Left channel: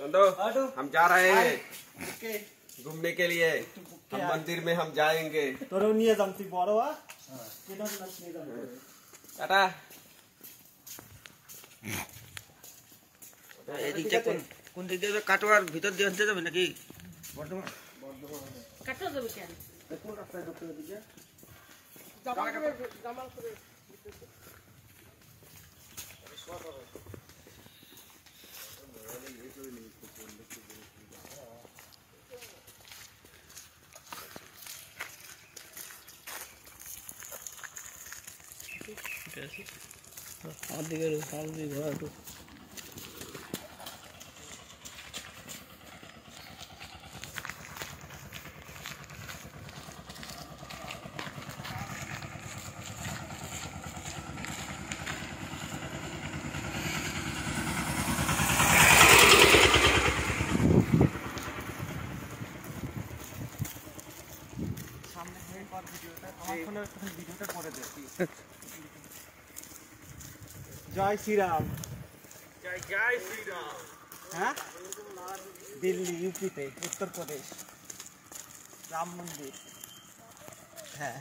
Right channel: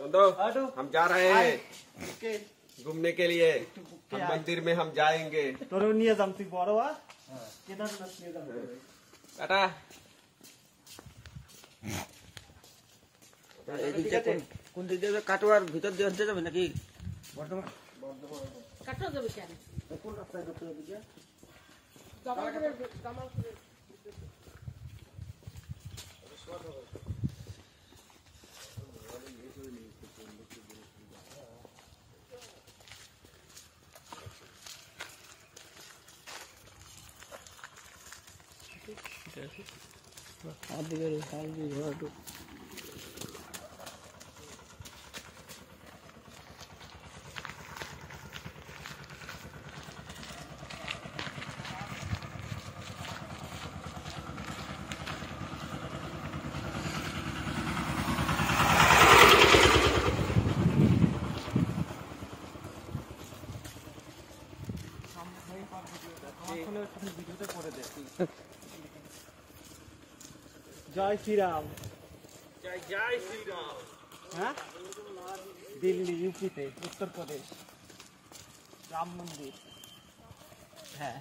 नंदो, हम जा रहे हैं घूमने के लिए। हम मंदिर में हम जाएंगे। टाटा। এদিকে কোন দিক দিয়ে কাটোয়ার ভিতর দিয়ে হতে যাবে নাকি? কাটোয়া যাবে কেন? কোন রাস্তায় ঢুকতে হবে দিকে? জামালপুরে আমার দিকে ঘোরা একটু সামনে ভিডিওটা আমার ফোনে ভিডিওটা করে দে। जय श्री राम। जय श्री राम। हाँ दिल्ली यूपी पे उत्तर प्रदेश राम मंदिर है।